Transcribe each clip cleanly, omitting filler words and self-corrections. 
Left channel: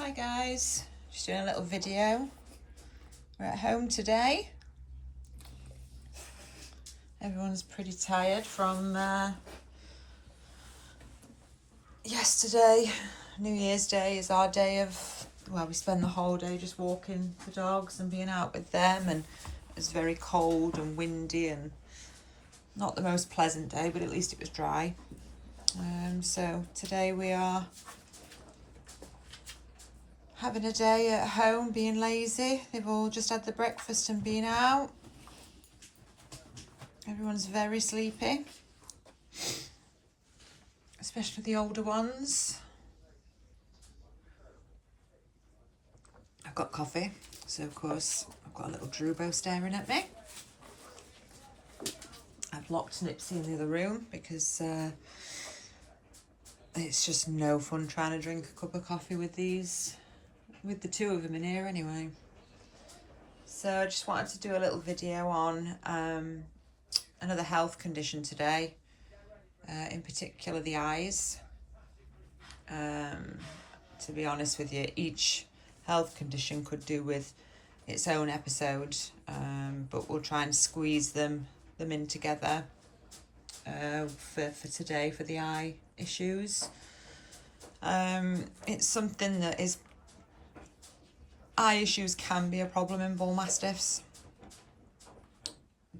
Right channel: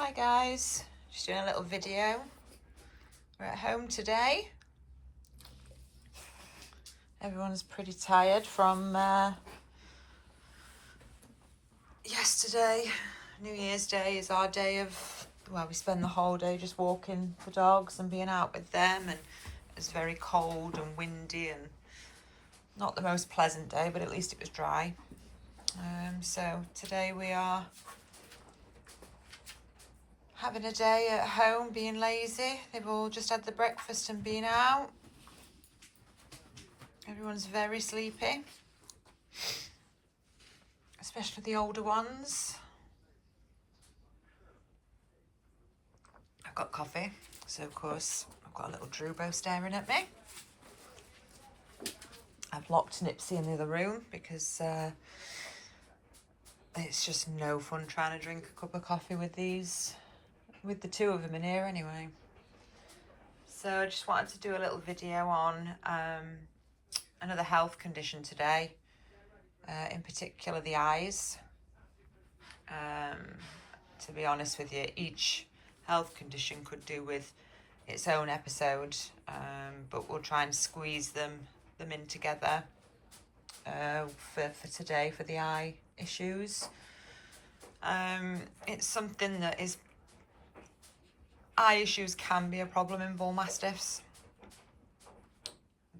Hi guys, just doing a little video. We're at home today. Everyone's pretty tired from yesterday. New Year's Day is our day of, well, we spend the whole day just walking the dogs and being out with them, and it was very cold and windy and not the most pleasant day, but at least it was dry. So today we are having a day at home, being lazy. They've all just had the breakfast and been out. Everyone's very sleepy, especially the older ones. I've got coffee, so of course I've got a little Drubo staring at me. I've locked Nipsey in the other room because it's just no fun trying to drink a cup of coffee with the two of them in here anyway. So I just wanted to do a little video on another health condition today, in particular the eyes. To be honest with you, each health condition could do with its own episode, but we'll try and squeeze them in together for today for the eye issues. It's something that is, eye issues can be a problem in Bullmastiffs.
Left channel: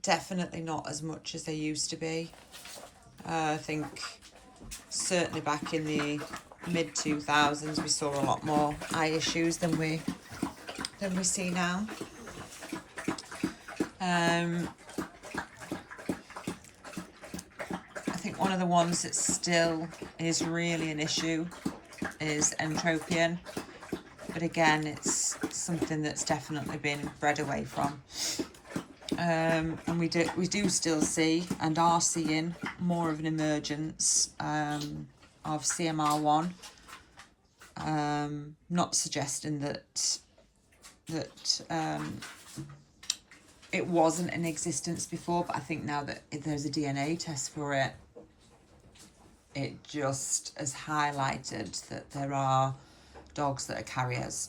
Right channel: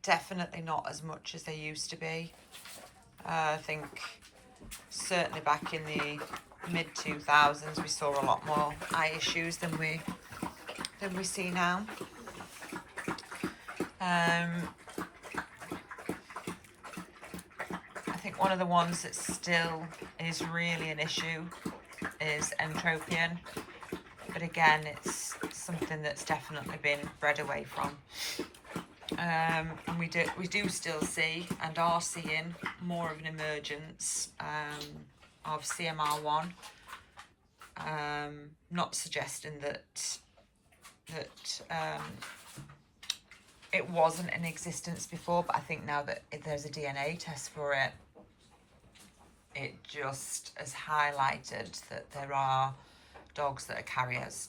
Definitely not as much as they used to be. I think certainly back in the mid-2000s we saw a lot more eye issues than we see now. I think one of the ones that still is really an issue is entropion, but again it's something that's definitely been bred away from. And we do still see and are seeing more of an emergence of CMR1. Not suggesting that it wasn't in existence before, but I think now that there's a DNA test for it, it just has highlighted that there are dogs that are carriers.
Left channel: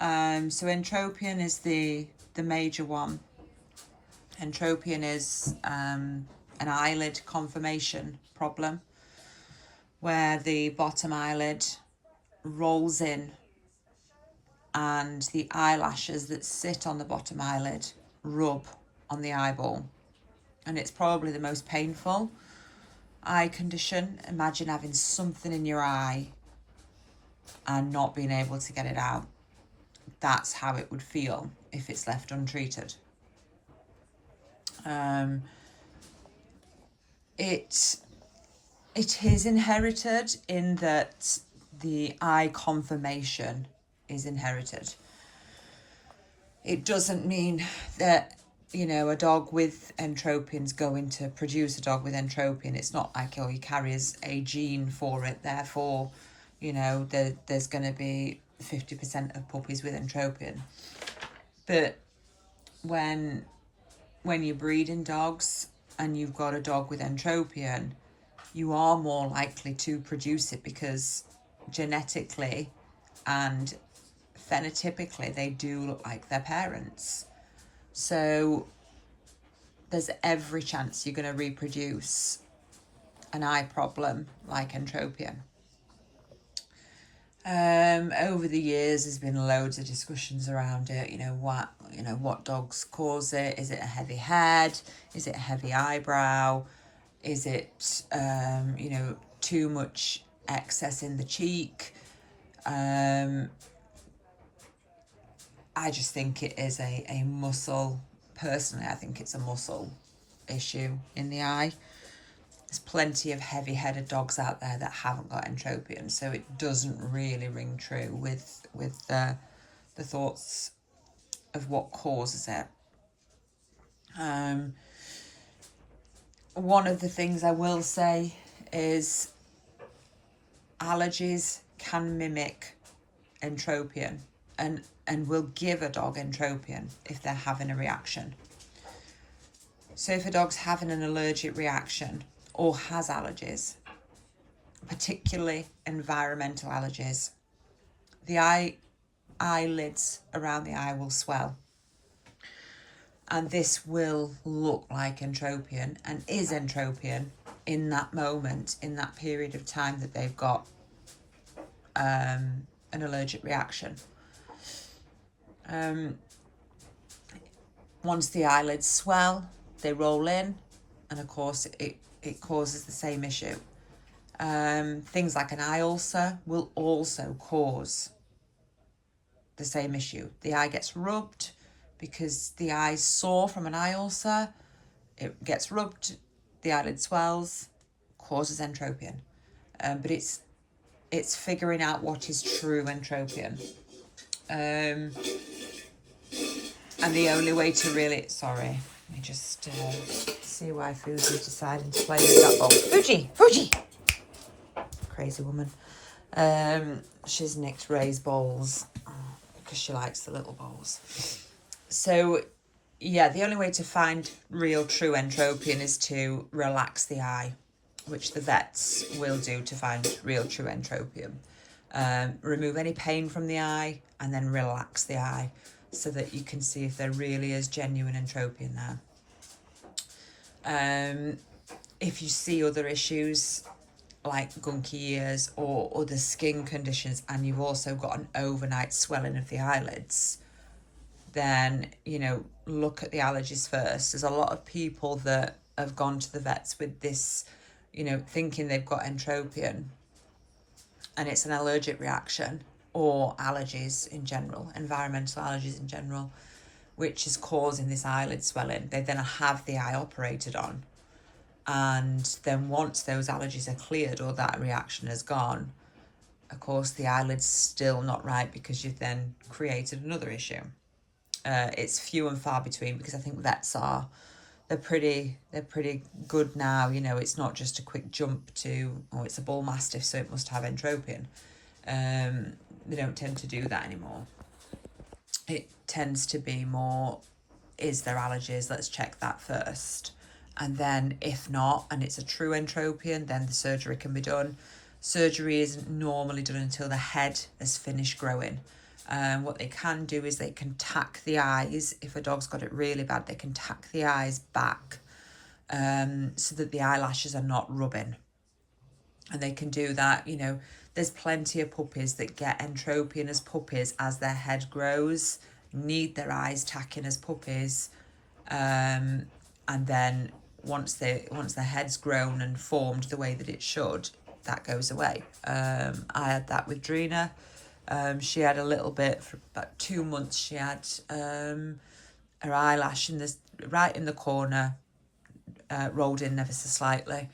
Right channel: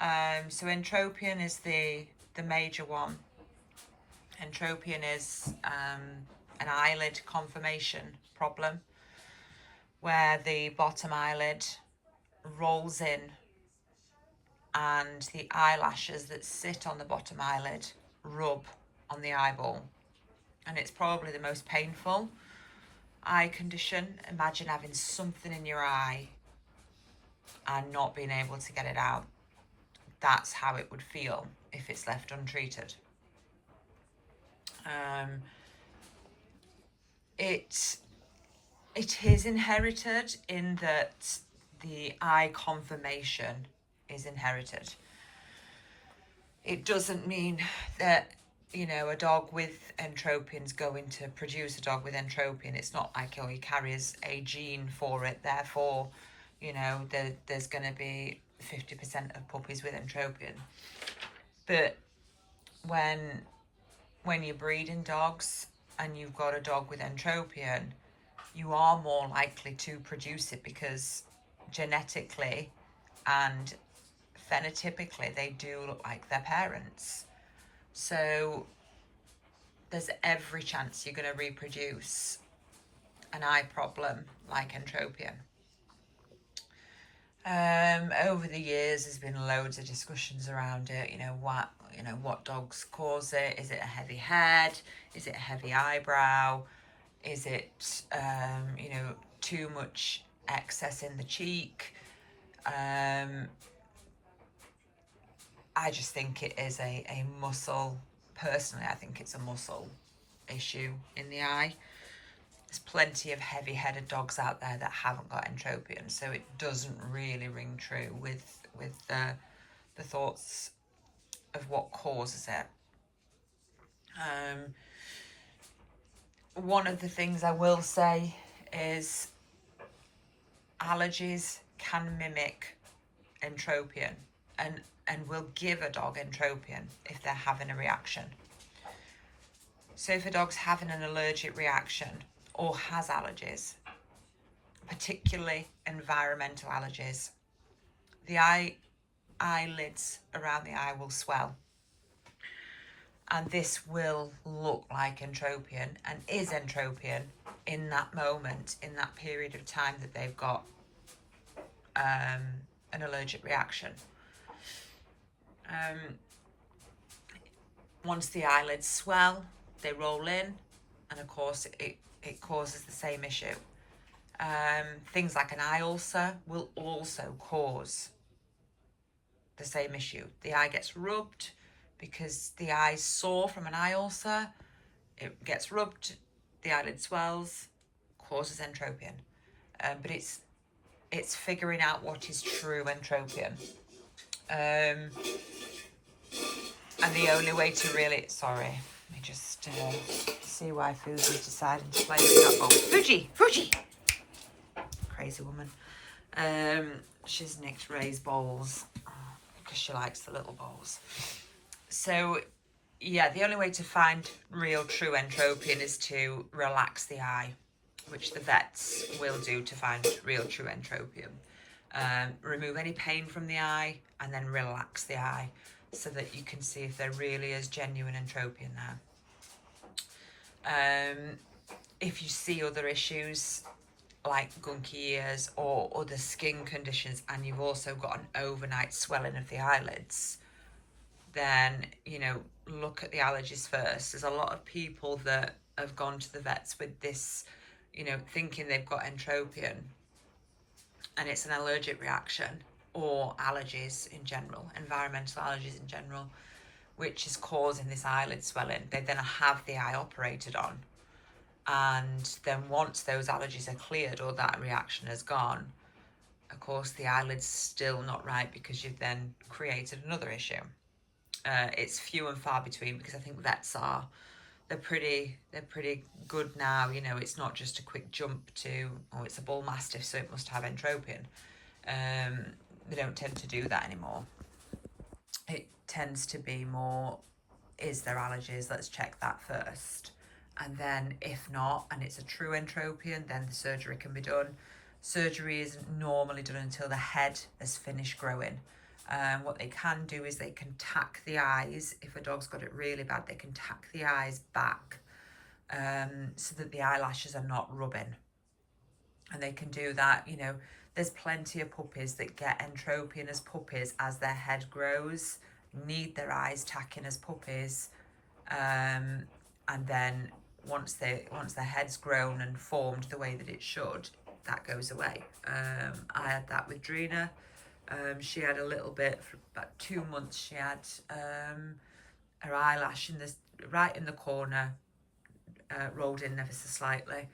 So entropion is the major one. Entropion is an eyelid conformation problem where the bottom eyelid rolls in and the eyelashes that sit on the bottom eyelid rub on the eyeball, and it's probably the most painful eye condition. Imagine having something in your eye and not being able to get it out. That's how it would feel if it's left untreated. It is inherited in that the eye conformation is inherited. It doesn't mean that, you know, a dog with entropion is going to produce a dog with entropion. It's not like, oh, he carries a gene for it, therefore, you know, there's going to be 50% of puppies with entropion. But when you're breeding dogs and you've got a dog with entropion, you are more likely to produce it because genetically and phenotypically they do look like their parents. So there's every chance you're going to reproduce an eye problem like entropion. Over the years there's been loads of discussions around it. What dogs cause it? Is it a heavy head? Is it a heavy eyebrow? Is it too much excess in the cheek? I just think it is a muscle. Personally, I think it's a muscle issue in the eye. There's plenty of heavy-headed dogs out there that haven't got entropion, so it doesn't really ring true with the thoughts of what causes it. One of the things I will say is allergies can mimic entropion and will give a dog entropion if they're having a reaction. So if a dog's having an allergic reaction or has allergies, particularly environmental allergies, the eyelids around the eye will swell. And this will look like entropion and is entropion in that moment, in that period of time that they've got an allergic reaction. Once the eyelids swell, they roll in, and of course it causes the same issue. Things like an eye ulcer will also cause the same issue. The eye gets rubbed because the eye's sore from an eye ulcer. It gets rubbed, the eyelid swells, causes entropion. But it's figuring out what is true entropion. And the only way to really, sorry, let me just see why Fuji's deciding to play with that ball. Fuji! Crazy woman. She's nicked Ray's balls because she likes the little balls. So, yeah, the only way to find real true entropion is to relax the eye, which the vets will do to find real true entropion. Remove any pain from the eye and then relax the eye so that you can see if there really is genuine entropion there. If you see other issues like gunky ears or other skin conditions, and you've also got an overnight swelling of the eyelids, then, you know, look at the allergies first. There's a lot of people that have gone to the vets with this, you know, thinking they've got entropion, and it's an allergic reaction or allergies in general, environmental allergies in general, which is causing this eyelid swelling. They then have the eye operated on. And then once those allergies are cleared or that reaction has gone, of course, the eyelid's still not right because you've then created another issue. It's few and far between because I think vets they're pretty good now. You know, it's not just a quick jump to, oh, it's a Bullmastiff, so it must have entropion. They don't tend to do that anymore. It tends to be more, is there allergies? Let's check that first. And then if not, and it's a true entropion, then the surgery can be done. Surgery isn't normally done until the head has finished growing. What they can do is they can tack the eyes. If a dog's got it really bad, they can tack the eyes back so that the eyelashes are not rubbing. And they can do that, you know, there's plenty of puppies that get entropion as puppies as their head grows, need their eyes tacking as puppies. And then once their head's grown and formed the way that it should, that goes away. I had that with Drina. She had a little bit for about 2 months. She had her eyelash right in the corner, rolled in ever so slightly.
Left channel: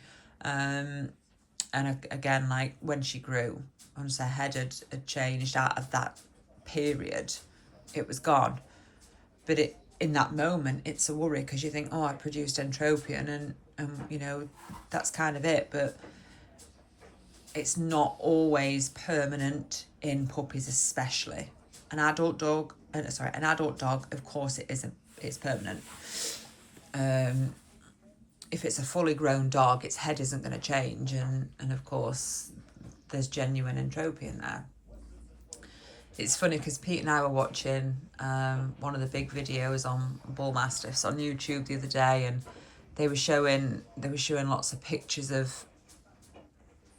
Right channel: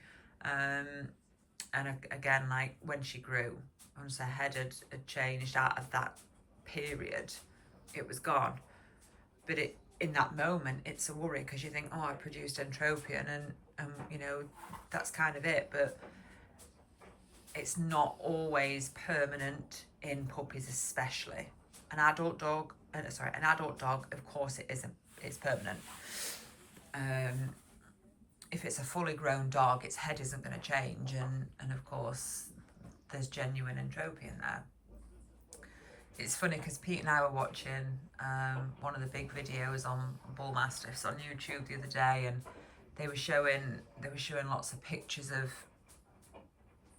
And again, like when she grew, once her head had changed out of that period, it was gone. But in that moment, it's a worry because you think, oh, I produced entropion and you know, that's kind of it. But it's not always permanent in puppies, especially. An adult dog, of course it isn't. It's permanent. If it's a fully grown dog, its head isn't going to change, and of course there's genuine entropion there. It's funny because Pete and I were watching one of the big videos on Bullmastiffs on YouTube the other day, and they were showing lots of pictures of,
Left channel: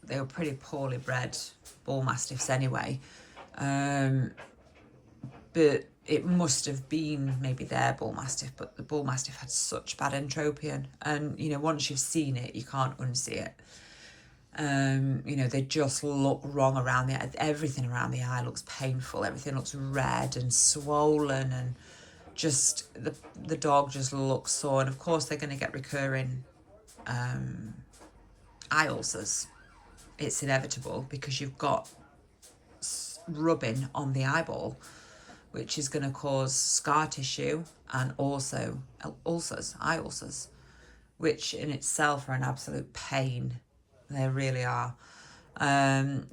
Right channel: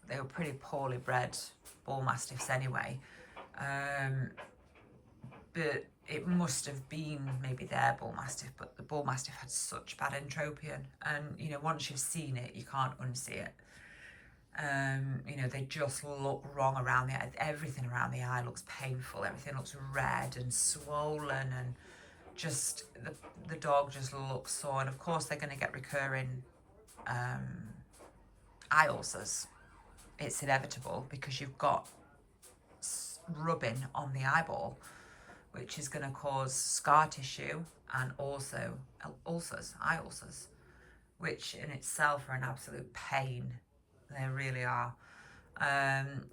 they were pretty poorly bred Bullmastiffs anyway, but it must have been maybe their Bullmastiff, but the Bullmastiff had such bad entropion, and you know, once you've seen it, you can't unsee it. You know, they just look wrong around the eye. Everything around the eye looks painful. Everything looks red and swollen, and just the dog just looks sore. And of course, they're going to get recurring eye ulcers. It's inevitable because you've got rubbing on the eyeball, which is going to cause scar tissue and also eye ulcers, which in itself are an absolute pain. They really are.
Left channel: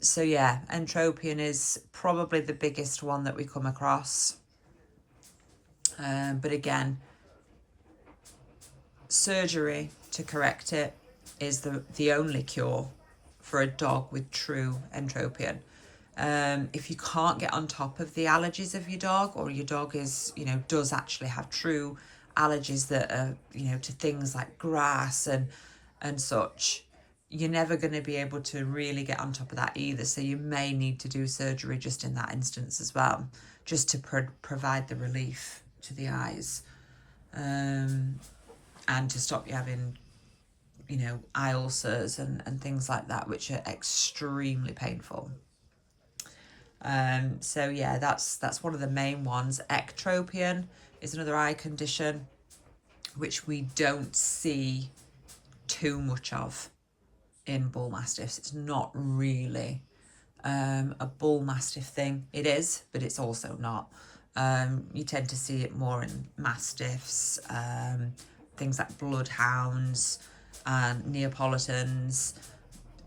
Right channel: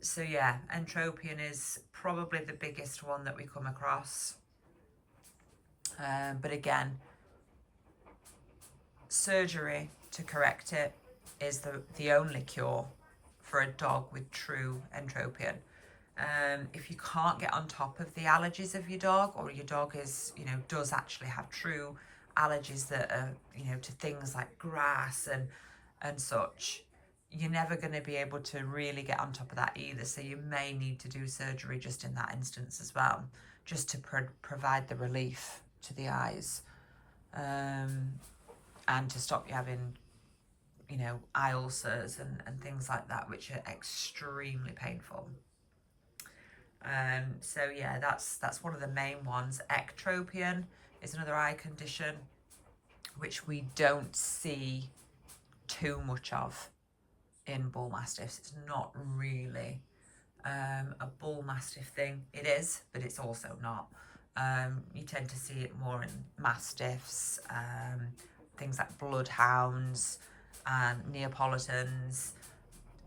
So yeah, entropion is probably the biggest one that we come across. But again, surgery to correct it is the only cure for a dog with true entropion. If you can't get on top of the allergies of your dog, or your dog is, you know, does actually have true allergies that are, you know, to things like grass and such, you're never going to be able to really get on top of that either. So you may need to do surgery just in that instance as well, just to provide the relief to the eyes, and to stop you having, you know, eye ulcers and things like that, which are extremely painful. So yeah, that's one of the main ones. Ectropion is another eye condition which we don't see too much of in bull mastiffs. It's not really a bull mastiff thing. It is, but it's also not. You tend to see it more in mastiffs, things like bloodhounds and Neapolitans.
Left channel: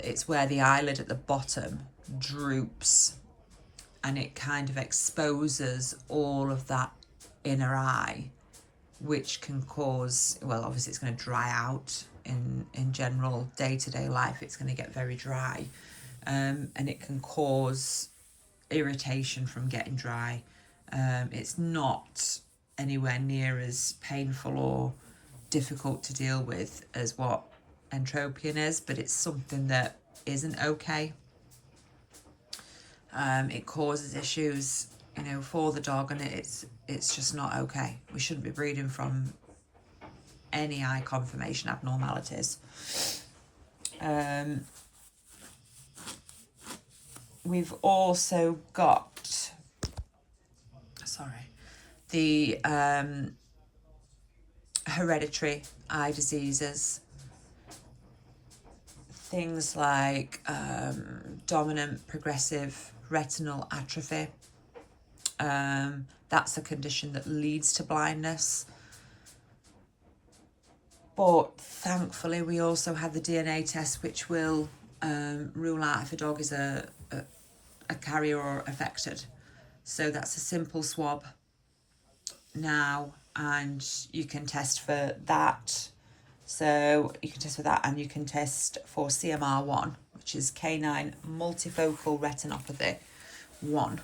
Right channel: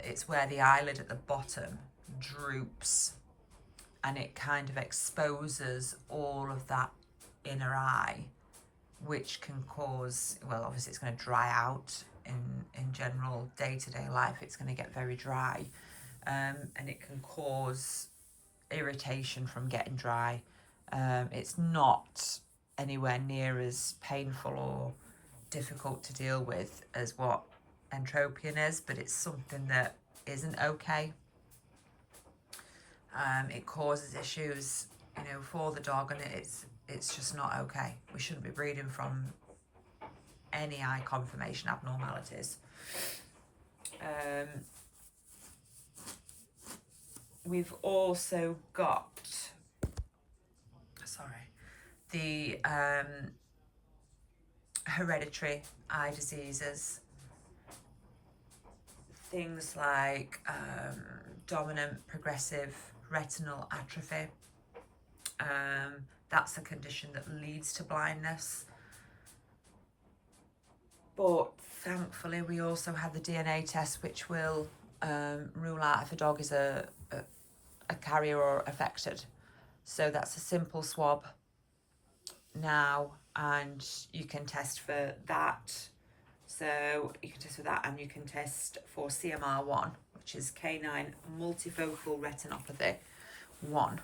It's where the eyelid at the bottom droops and it kind of exposes all of that inner eye, which can cause, well, obviously it's going to dry out in general day-to-day life. It's going to get very dry, and it can cause irritation from getting dry. It's not anywhere near as painful or difficult to deal with as what entropion is, but it's something that isn't okay. It causes issues, you know, for the dog, and it's just not okay. We shouldn't be breeding from any eye conformation abnormalities. We've also got, the hereditary eye diseases. Things like dominant progressive retinal atrophy. That's a condition that leads to blindness. But thankfully, we also have the DNA test, which will rule out if a dog is a carrier or affected. So that's a simple swab now, and you can test for that. So you can test for that, and you can test for CMR1, which is canine multifocal retinopathy 1,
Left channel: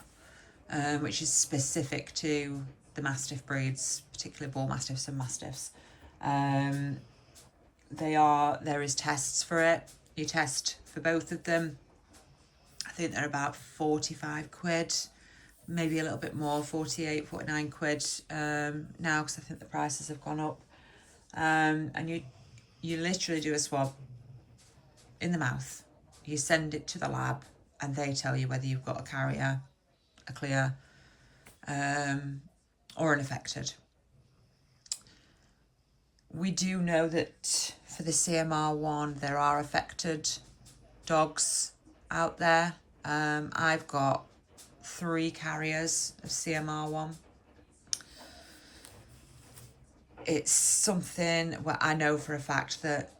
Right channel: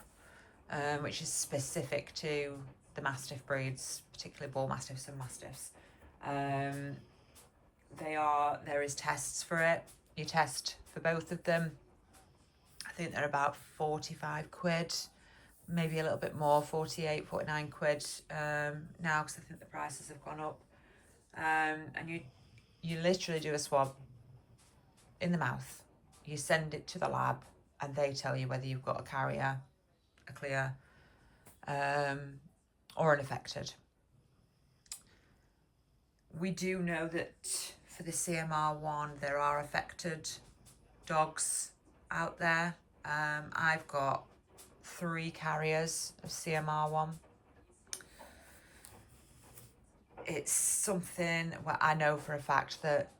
which is specific to the Mastiff breeds, particularly Bull Mastiffs and Mastiffs. There is tests for it. You test for both of them. I think they're about 45 quid, maybe a little bit more, 48, 49 quid now, because I think the prices have gone up. And you literally do a swab in the mouth. You send it to the lab, and they tell you whether you've got a carrier, a clear, or an affected. We do know that for the CMR1, there are affected dogs out there. I've got 3 carriers of CMR1. It's something where I know for a fact that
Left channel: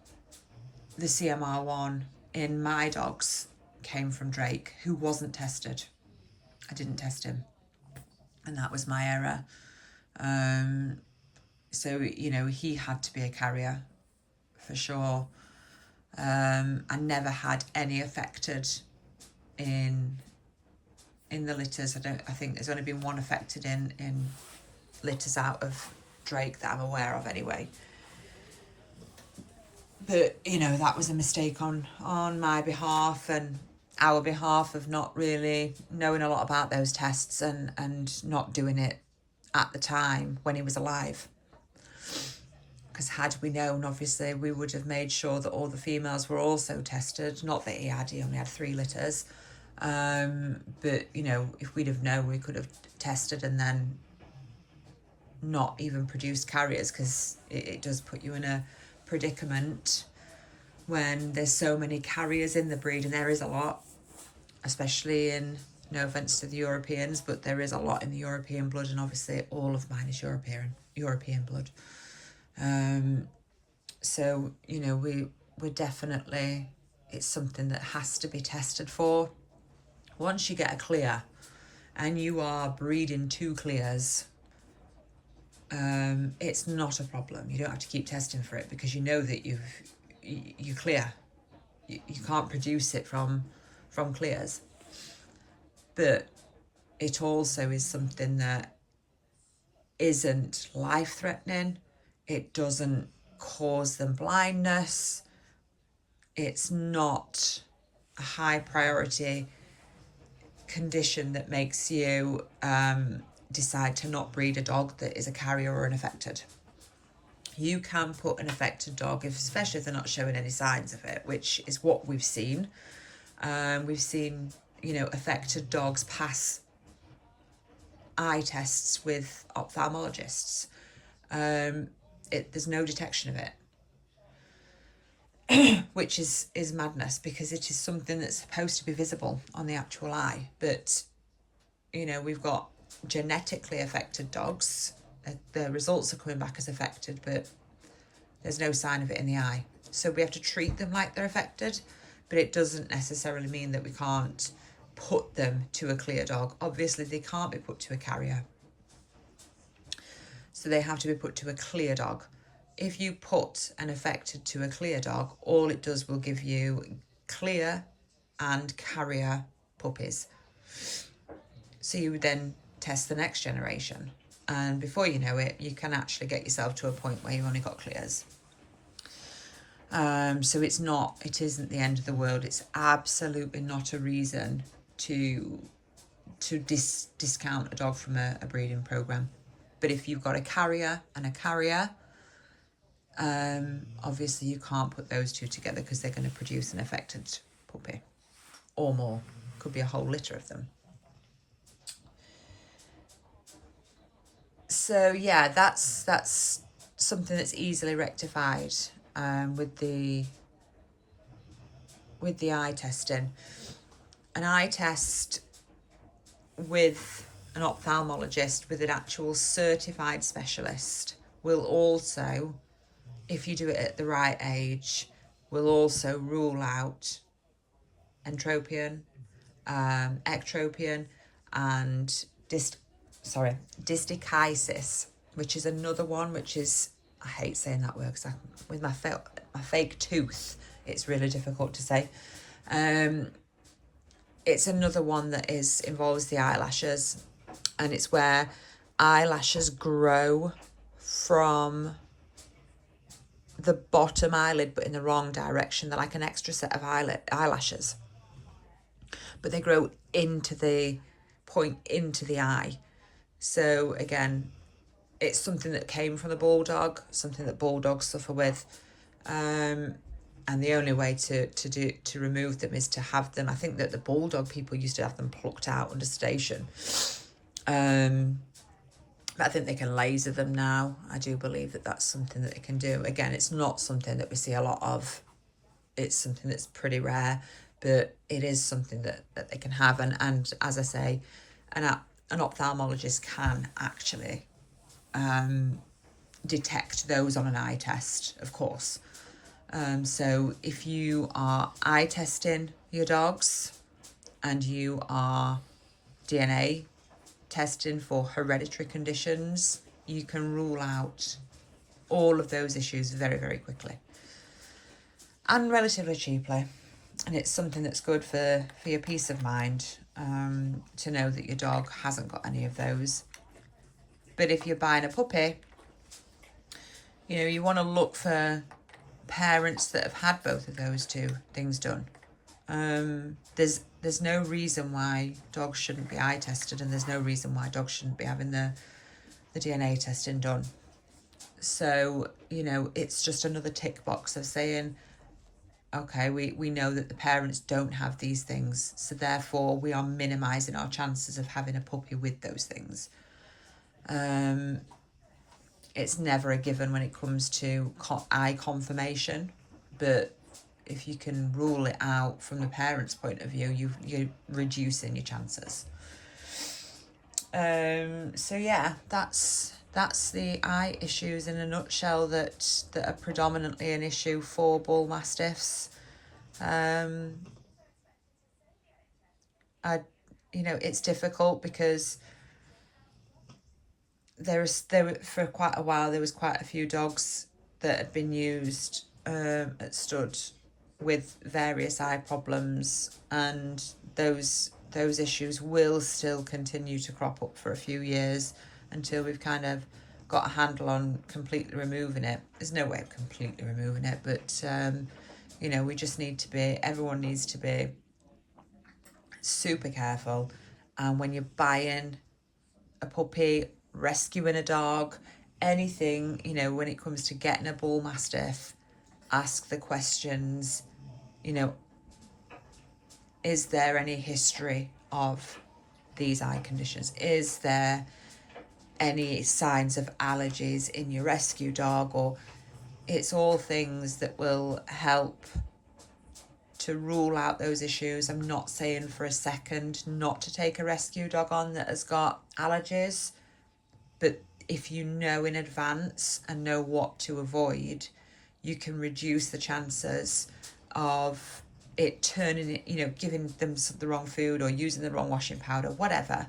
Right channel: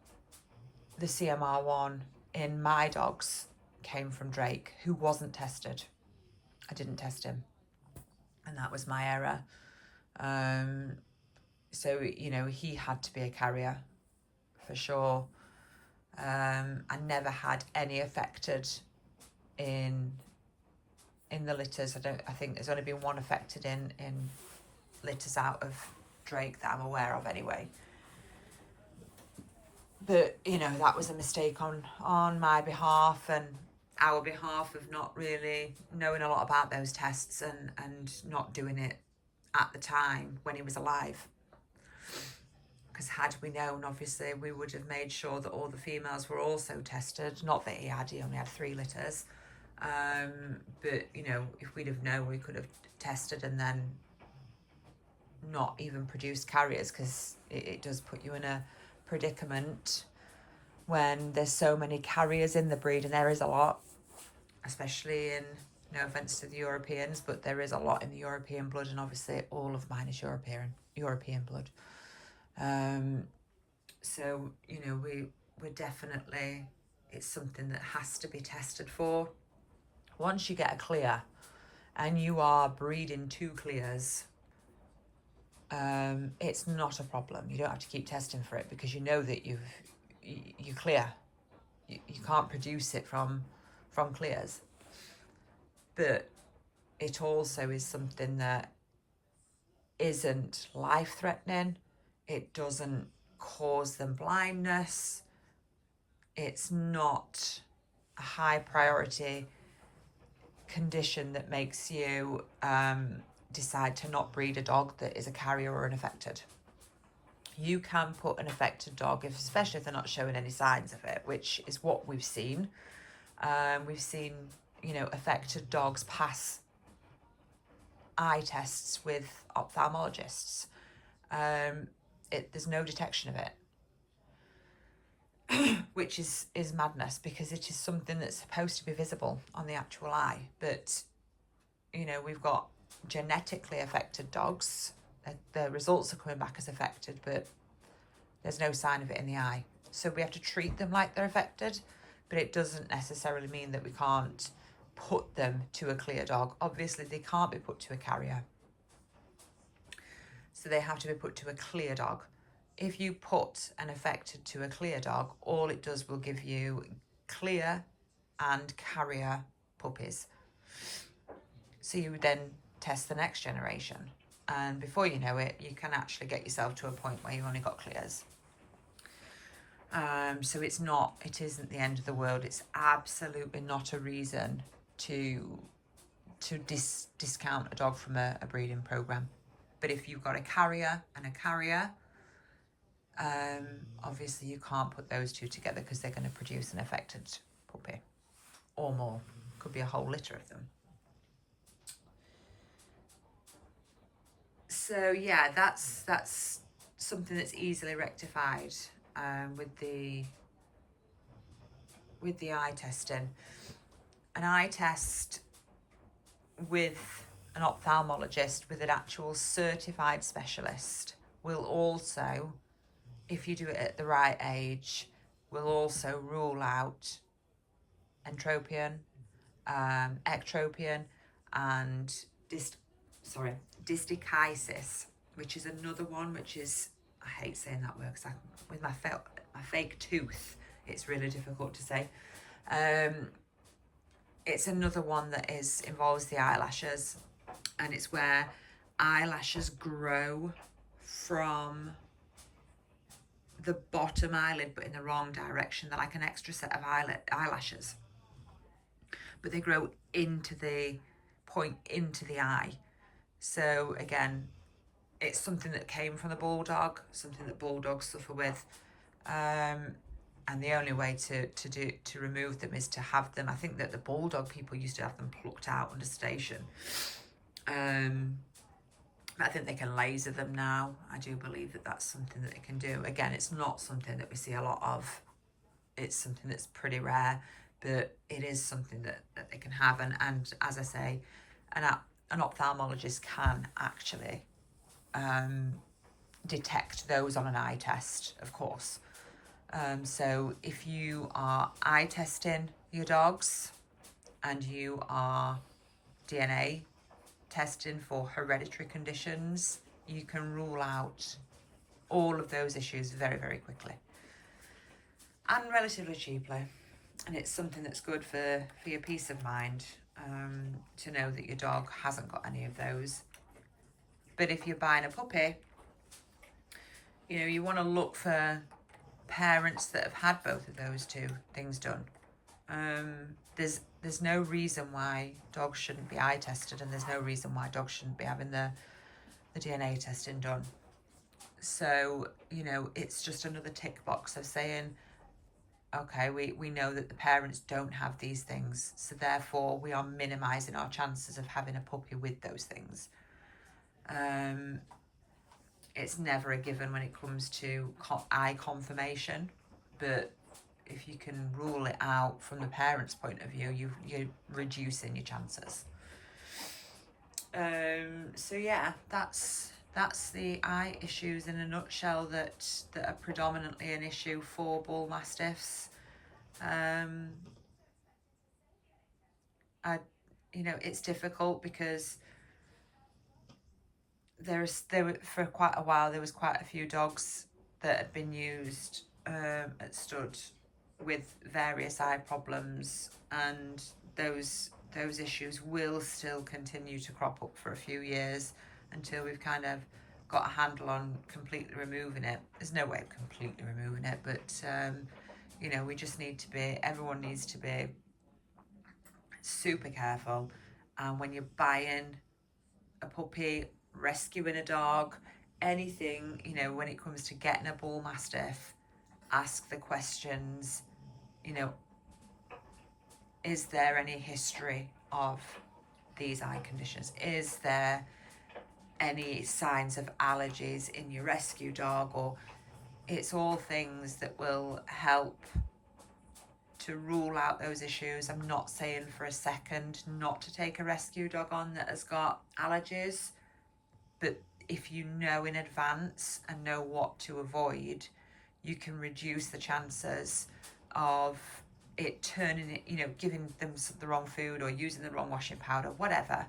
the CMR1 in my dogs came from Drake, who wasn't tested. I didn't test him, and that was my error. So, you know, he had to be a carrier for sure. I never had any affected in the litters. I think there's only been 1 affected in litters out of Drake that I'm aware of anyway. But, you know, that was a mistake on my behalf and our behalf of not really knowing a lot about those tests and not doing it at the time when he was alive. Because had we known, obviously, we would have made sure that all the females were also tested. Not that he only had 3 litters. But, you know, if we'd have known, we could have tested and then not even produced carriers, because it does put you in a predicament when there's so many carriers in the breed, and there is a lot, especially in, no offence to the Europeans, but there is a lot in the European blood, and obviously all of mine is European blood. So, you know, we're definitely, it's something that has to be tested for. Once you get a clear and you are breeding 2 clears, it's not a problem. You don't have to keep testing for it, because you know that you're clear. You can't produce it from clears. but it also is something that isn't life-threatening. It doesn't cause them blindness. It's not a high priority condition that makes you decide to not breed a dog that is a carrier or an affected. You can put an affected dog, especially if they're not showing any signs of it, which is what we've seen. We've seen, affected dogs pass eye tests with ophthalmologists. There's no detection of it, which is madness, because it is something that's supposed to be visible on the actual eye. But, we've got genetically affected dogs. The results are coming back as affected, but there's no sign of it in the eye. So we have to treat them like they're affected, but it doesn't necessarily mean that we can't put them to a clear dog. Obviously, they can't be put to a carrier. So they have to be put to a clear dog. If you put an affected to a clear dog, all it does will give you clear and carrier puppies. So you would then test the next generation. And before you know it, you can actually get yourself to a point where you only got clears. So it isn't the end of the world. It's absolutely not a reason to discount a dog from a breeding program. But if you've got a carrier and a carrier, obviously you can't put those two together, because they're going to produce an affected puppy or more. Could be a whole litter of them. So yeah, that's something that's easily rectified with the eye testing. An eye test with an ophthalmologist, with an actual certified specialist, will also, if you do it at the right age, will also rule out entropion, ectropion, and distichiasis, which is another one, which is, I hate saying that word because with my fake tooth, it's really difficult to say. It's another one that involves the eyelashes, and it's where eyelashes grow from the bottom eyelid, but in the wrong direction. They're like an extra set of eyelashes, but they grow into the eye. So again, it's something that came from the bulldog, something that bulldogs suffer with. And the only way to remove them is to have them. I think that the bulldog people used to have them plucked out under sedation. But I think they can laser them now. I do believe that that's something that they can do. Again, it's not something that we see a lot of. It's something that's pretty rare, but it is something that they can have. And as I say, an ophthalmologist can actually detect those on an eye test, of course. So if you are eye testing your dogs and you are DNA testing for hereditary conditions, you can rule out all of those issues very, very quickly and relatively cheaply. And it's something that's good for your peace of mind, to know that your dog hasn't got any of those. But if you're buying a puppy, you want to look for parents that have had both of those two things done. There's no reason why dogs shouldn't be eye tested, and there's no reason why dogs shouldn't be having the DNA testing done. So, it's just another tick box of saying, okay, we know that the parents don't have these things, so therefore we are minimising our chances of having a puppy with those things. It's never a given when it comes to eye confirmation, but if you can rule it out from the parent's point of view, you're reducing your chances. So yeah, that's the eye issues in a nutshell that are predominantly an issue for Bullmastiffs. It's difficult because there for quite a while there was quite a few dogs that had been used at stud with various eye problems, and those those issues will still continue to crop up for a few years until we've kind of got a handle on completely removing it. There's no way of completely removing it, but you know, we just need to be, everyone needs to be super careful. And when you're buying a puppy, rescuing a dog, anything, you know, when it comes to getting a Bullmastiff, ask the questions, you know, is there any history of these eye conditions? Is there any signs of allergies in your rescue dog? Or it's all things that will help to rule out those issues. I'm not saying for a second not to take a rescue dog on that has got allergies, but if you know in advance and know what to avoid, you can reduce the chances of it turning it, you know, giving them the wrong food or using the wrong washing powder, whatever.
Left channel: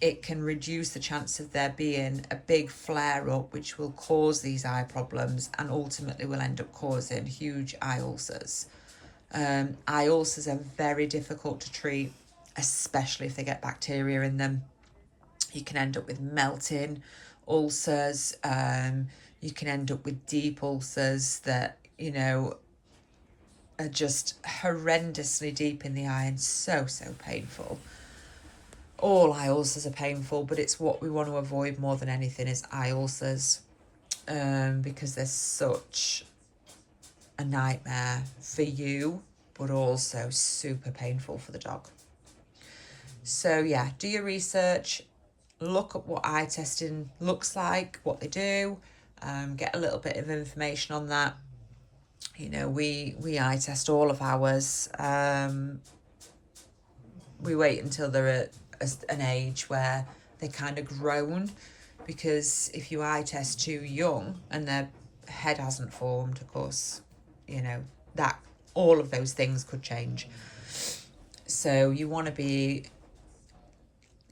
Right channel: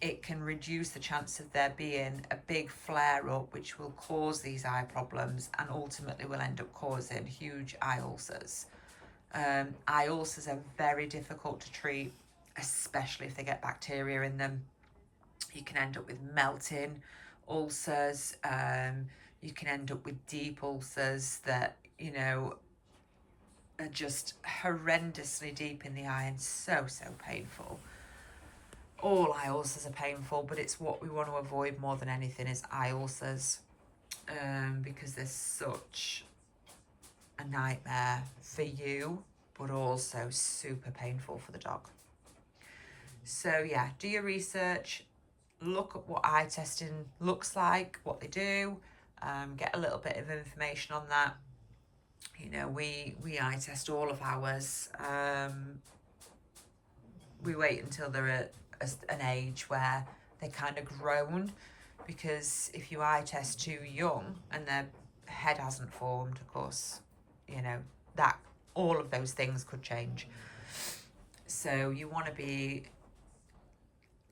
It can reduce the chance of there being a big flare up, which will cause these eye problems and ultimately will end up causing huge eye ulcers. Eye ulcers are very difficult to treat, especially if they get bacteria in them. You can end up with melting ulcers. You can end up with deep ulcers that, you know, are just horrendously deep in the eye and so painful. All eye ulcers are painful, but it's what we want to avoid more than anything is eye ulcers, because they're such a nightmare for you, but also super painful for the dog. So yeah, do your research, look at what eye testing looks like, what they do, get a little bit of information on that. You know, we eye test all of ours. We wait until they're at an age where they're kind of grown, because if you eye test too young and their head hasn't formed, of course, you know, that all of those things could change. So you want to be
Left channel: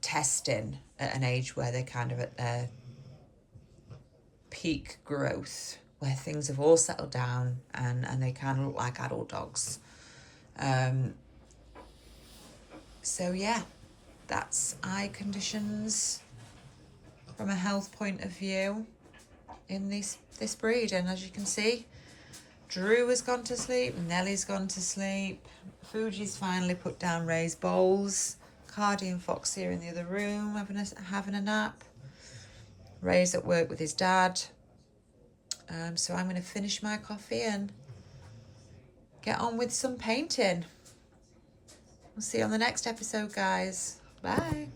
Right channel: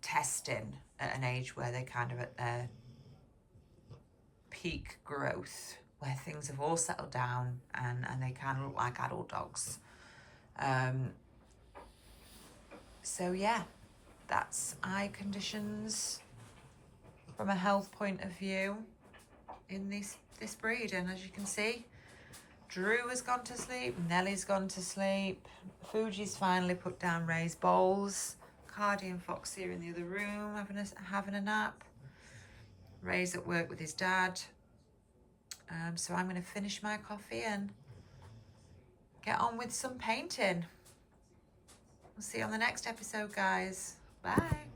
testing at an age where they're kind of at their peak growth, where things have all settled down and they kind of look like adult dogs. So yeah, that's eye conditions from a health point of view in this breed. And as you can see, Drew has gone to sleep, Nellie's gone to sleep, Fuji's finally put down Ray's bowls, Cardi and Fox here in the other room having a nap. Ray's at work with his dad. So I'm going to finish my coffee and get on with some painting. We'll see you on the next episode, guys. Bye.